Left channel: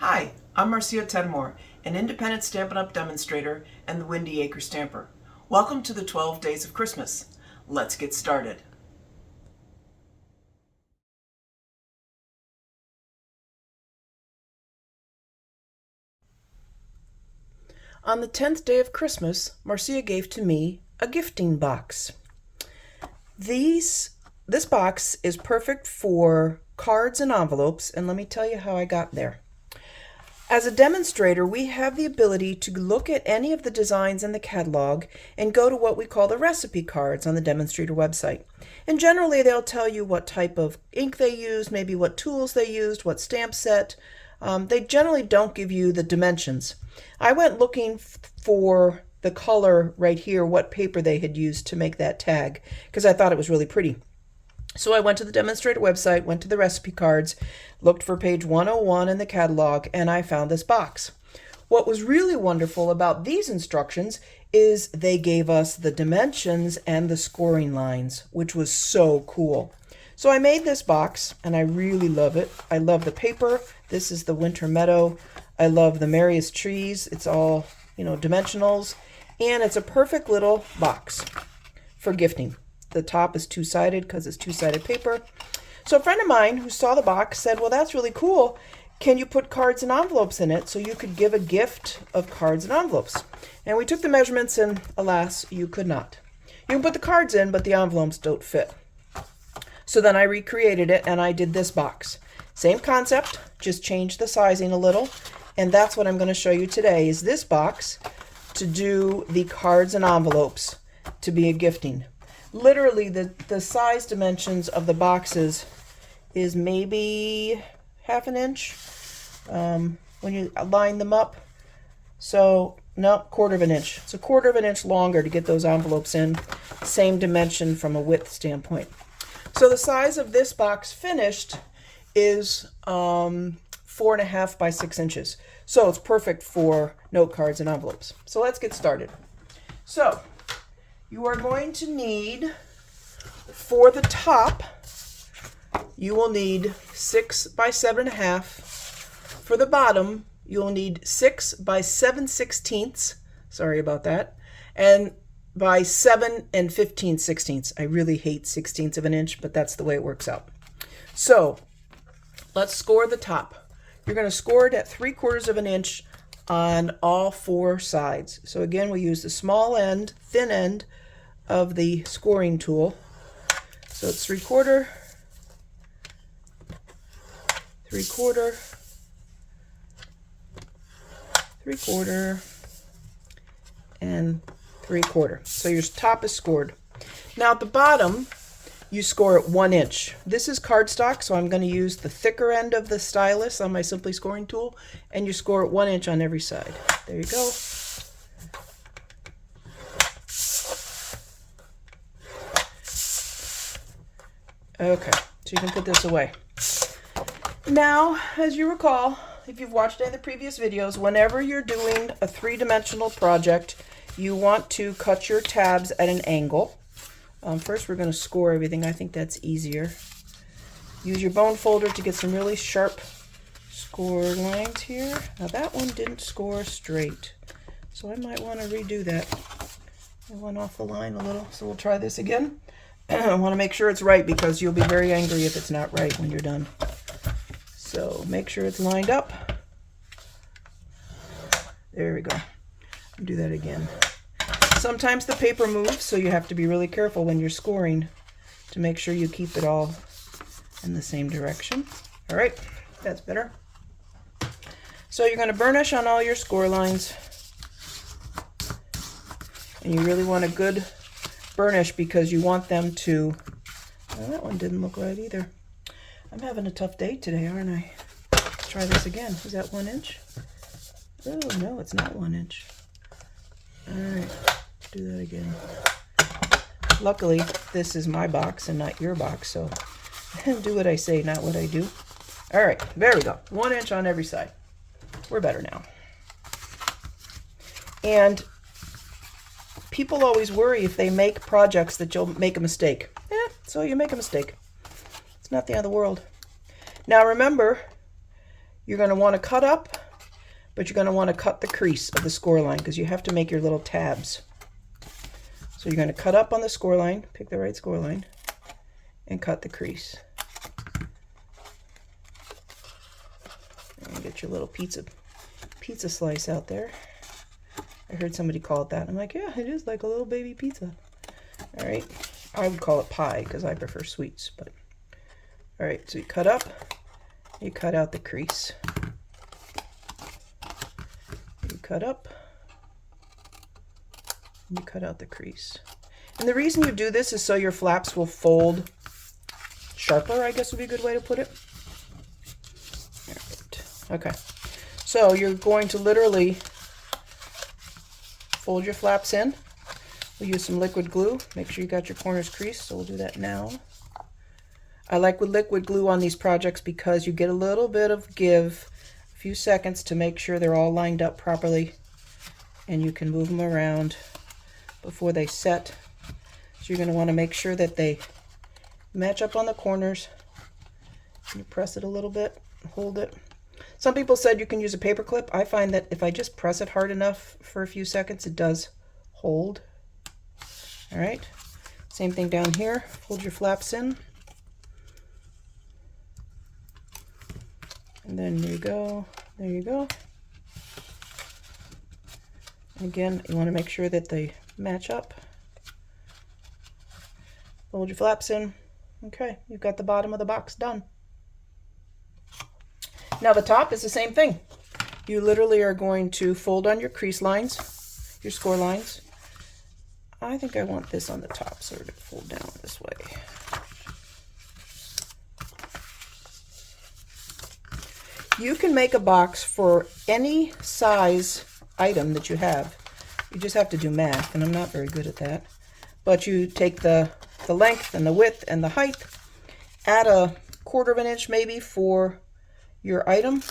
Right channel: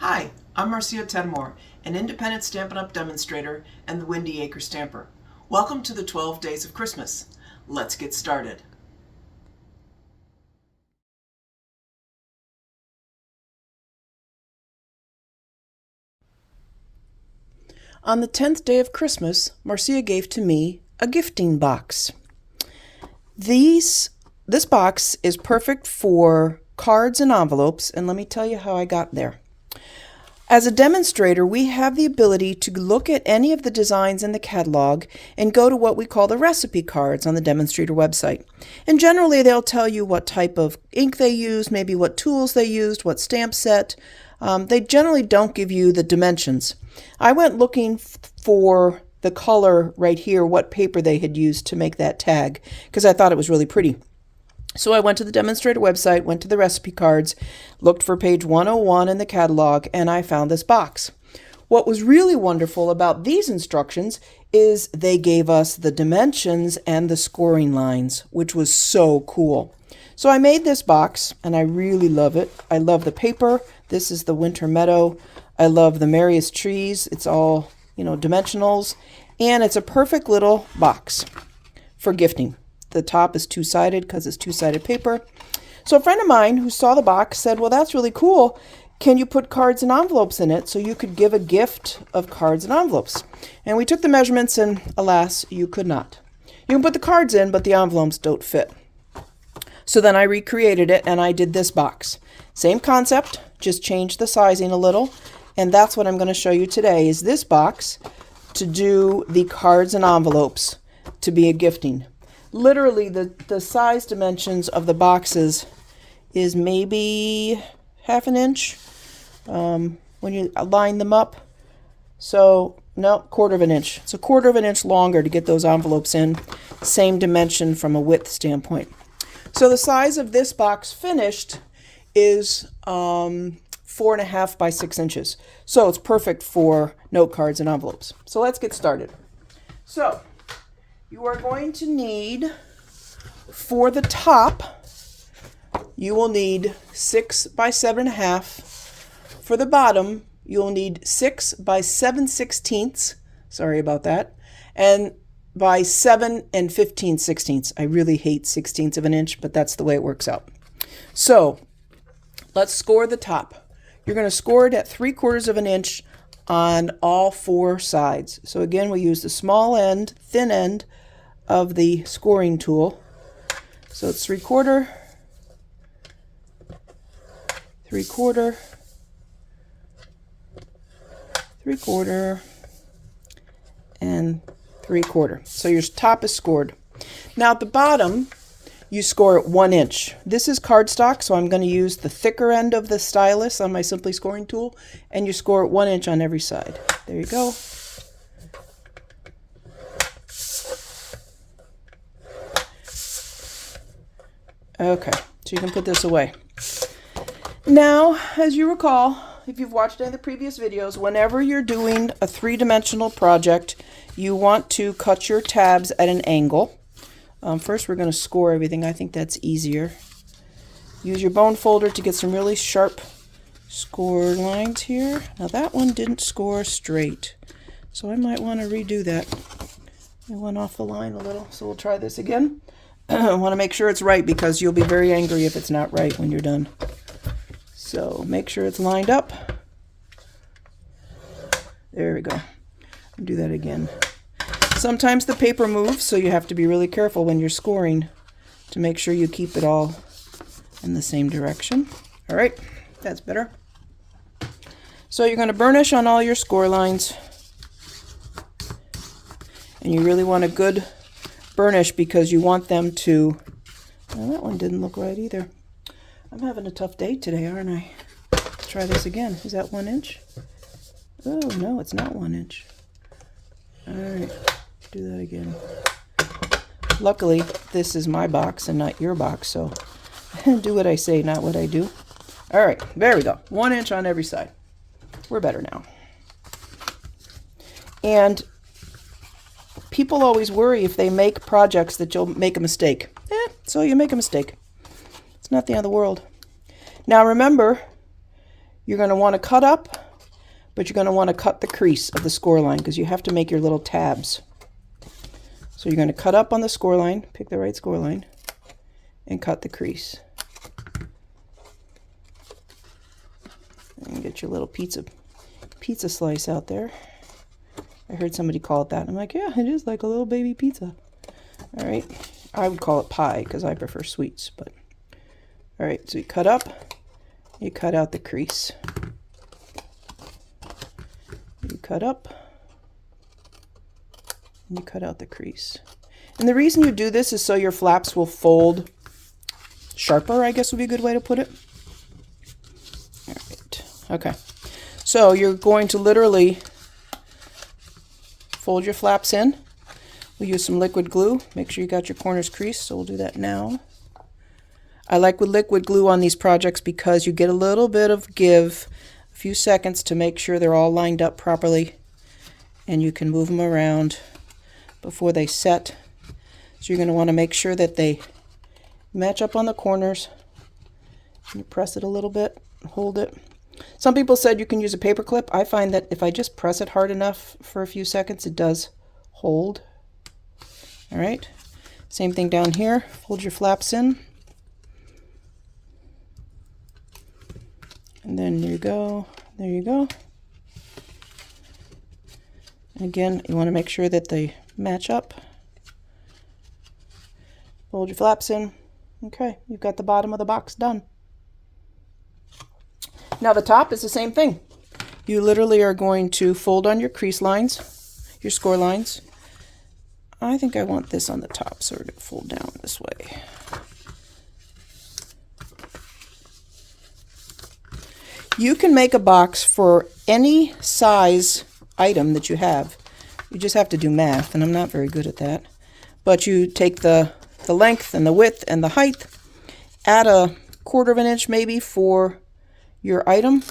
Hi, I'm Marcia Tedmore, an independent Stampin' Up! Demonstrator and the Windy Acre Stamper. Welcome to the 12 Days of Christmas. Let's get started. On the 10th day of Christmas, Marcia gave to me a gifting box. This box is perfect for cards and envelopes, and let me tell you how I got there. As a demonstrator, we have the ability to look at any of the designs in the catalog and go to what we call the recipe cards on the demonstrator website. And generally, they'll tell you what type of ink they used, maybe what tools they used, what stamp set. They generally don't give you the dimensions. I went looking for the color right here, what paper they had used to make that tag, because I thought it was really pretty. So I went to the demonstrator website, went to the recipe cards, looked for page 101 in the catalog, and I found this box. What was really wonderful about these instructions is they gave us the dimensions and the scoring lines, which was so cool. So I made this box, and I really love it. I love the paper. This is the Winter Meadow. I love the Merriest Trees. It's all, dimensionals. And it's a perfect little box for gifting. The top is two-sided because it's two-sided paper. So a friend of mine who saw the box said, well, that's really cool. Can you put cards and envelopes in it so you could give a gift of cards and envelopes? And we took the measurements and alas, you could not. You can put the cards in, but the envelopes don't fit. So then I recreated it and I did this box. Same concept, just changed the sizing a little. And that's what I'm going to show you today is this box to do the cards and envelopes to be a gifting. Literally, the size dimensions of the boxes is maybe half an inch when you line them up. So, no, quarter of an inch. It's a quarter of an inch longer to get those envelopes in. Same dimension from a width standpoint. So the size of this box finished is 4.5 by 6 inches. So it's perfect for note cards and envelopes. So let's get started. So you are going to need, for the top, you will need 6 by 7.5. For the bottom, you'll need 6 by 7/16. Sorry about that. And by 7 and 15/16. I really hate 16ths of an inch, but that's the way it works out. So let's score the top. You're going to score it at 3/4 of an inch on all 4 sides. So again, we use the small end, thin end of the scoring tool. So it's 3/4, 3/4, 3/4, and 3/4. So your top is scored. Now at the bottom, you score at 1 inch. This is cardstock, so I'm going to use the thicker end of the stylus on my Simply Scoring tool, and you score at 1 inch on every side. There you go. Okay, so you can put this away. Now, as you recall, if you've watched any of the previous videos, whenever you're doing a 3-dimensional project, you want to cut your tabs at an angle. First, we're going to score everything. I think that's easier. Use your bone folder to get some really sharp score lines here. Now, that one didn't score straight, so I might want to redo that. I went off the line a little, so we'll try this again. I want to make sure it's right because you'll be very angry if it's not right when you're done. So make sure it's lined up. There we go. Do that again. Sometimes the paper moves, so you have to be really careful when you're scoring to make sure you keep it all in the same direction. All right, that's better. So you're going to burnish on all your score lines. And you really want a good burnish because you want them to, well, that one didn't look right either. I'm having a tough day today, aren't I? Let's try this again. Is that 1 inch? Oh, no, it's not 1 inch. All right, do that again. Luckily, this is my box and not your box, so do what I say, not what I do. All right, there we go. 1 inch on every side. We're better now. And people always worry if they make projects that you'll make a mistake. So you make a mistake. It's not the end of the world. Now remember, You're going to want to cut up, but you're going to want to cut the crease of the score line because you have to make your little tabs. So you're going to cut up on the score line, pick the right score line, and cut the crease. And get your little pizza slice out there. I heard somebody call it that. I'm like, yeah, it is like a little baby pizza. All right. I would call it pie because I prefer sweets. But all right, so you cut up, you cut out the crease. You cut up, and you cut out the crease. And the reason you do this is so your flaps will fold sharper, I guess would be a good way to put it. All right. Okay. So you're going to literally fold your flaps in. We'll use some liquid glue. Make sure you got your corners creased, so we'll do that now. I like with liquid glue on these projects because you get a little bit of give, a few seconds to make sure they're all lined up properly, and you can move them around before they set. So you're going to want to make sure that they match up on the corners. You press it a little bit, hold it. Some people said you can use a paper clip. I find that if I just press it hard enough for a few seconds, it does hold. All right, same thing down here. Fold your flaps in. And then there you go, there you go. And again, you want to make sure that they match up. Fold your flaps in. Okay, you've got the bottom of the box done. Now the top is the same thing. You literally are going to fold on your crease lines, your score lines. I think I want this on the top, so we're going to fold down this way. You can make a box for any size item that you have. You just have to do math, and I'm not very good at that. But you take the length and the width and the height, add a 1/4 of an inch maybe for your item,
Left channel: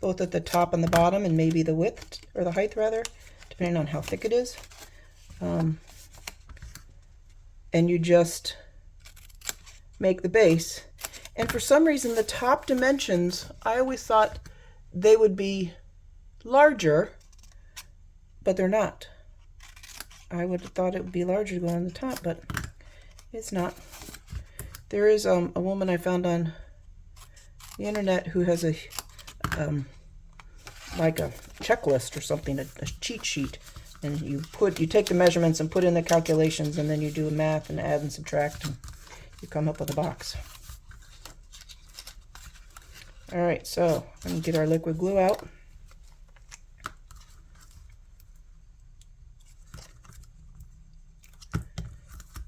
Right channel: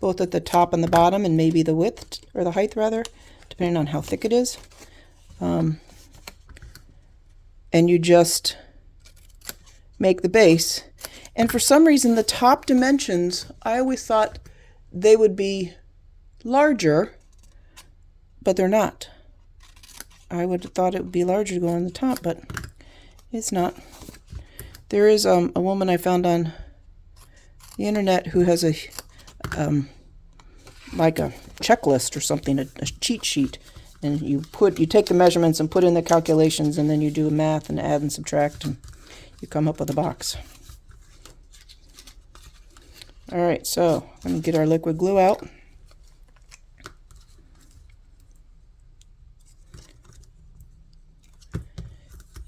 both at the top and the bottom, and maybe the width, or the height rather, depending on how thick it is. And you just make the base. And for some reason, the top dimensions, I always thought they would be larger, but they're not. I would have thought it would be larger to go on the top, but it's not. There is a woman I found on the internet who has a like a checklist or something, a cheat sheet, and you take the measurements and put in the calculations, and then you do math and add and subtract, and you come up with a box. All right, so I'm gonna get our liquid glue out.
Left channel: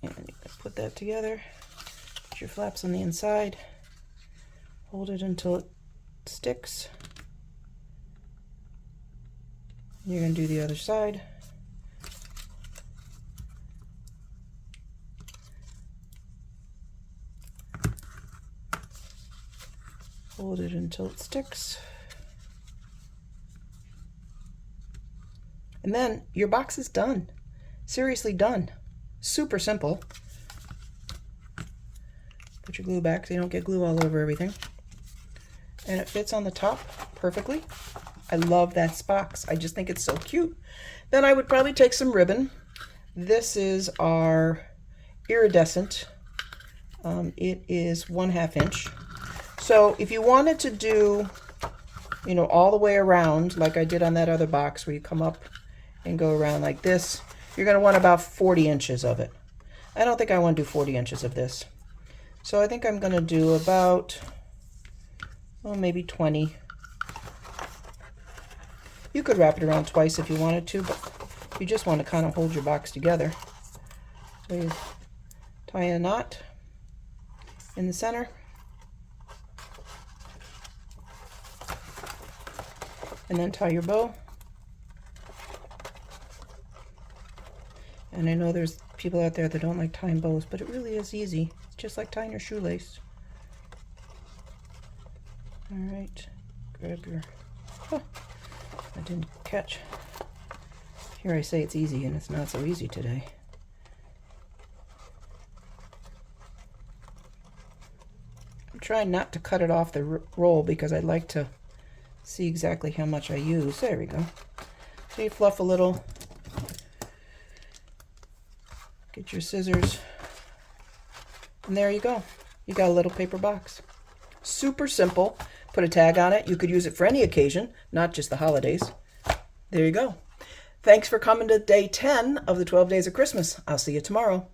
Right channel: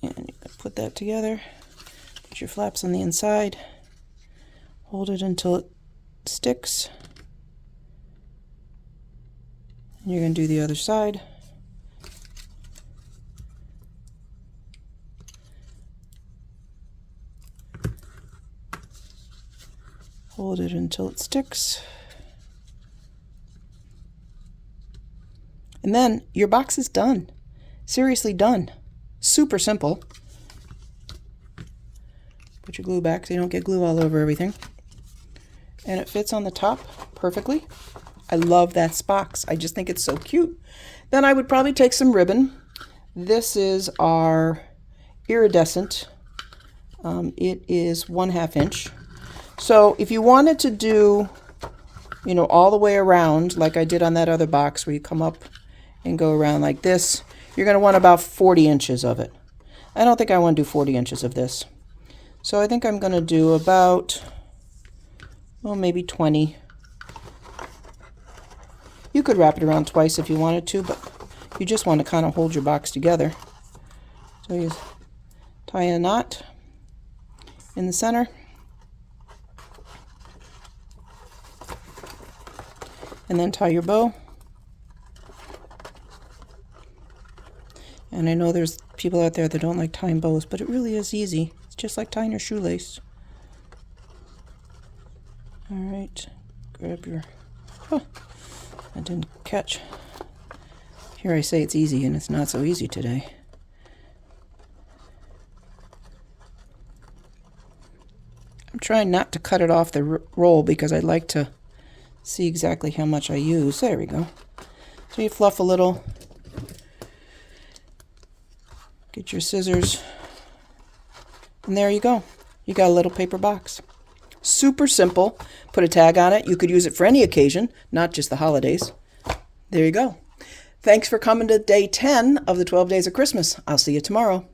And you put that together. Put your flaps on the inside. Hold it until it sticks. And you're gonna do the other side. Hold it until it sticks. And then your box is done. Seriously done. Super simple. Put your glue back so you don't get glue all over everything. And it fits on the top perfectly. I love that box. I just think it's so cute. Then I would probably take some ribbon. This is our iridescent. It is 1/2 inch. So if you wanted to do, you know, all the way around, like I did on that other box where you come up and go around like this, you're going to want about 40 inches of it. I don't think I want to do 40 inches of this. So I think I'm going to do about, well, maybe 20. You could wrap it around twice if you wanted to, but you just want to kind of hold your box together. So you tie a knot in the center. And then tie your bow. And I know there's people out there that don't like tying bows, but it really is easy. It's just like tying your shoelace. All right, grab your, oh, I didn't catch. Here I say it's easy, and it's not so easy today. I'm trying not to cut it off the roll because I like to see exactly how much I use. There we go. So you fluff a little. Get your scissors. And there you go. You got a little paper box. Super simple. Put a tag on it. You could use it for any occasion, not just the holidays. There you go. Thanks for coming to day 10 of the 12 Days of Christmas. I'll see you tomorrow.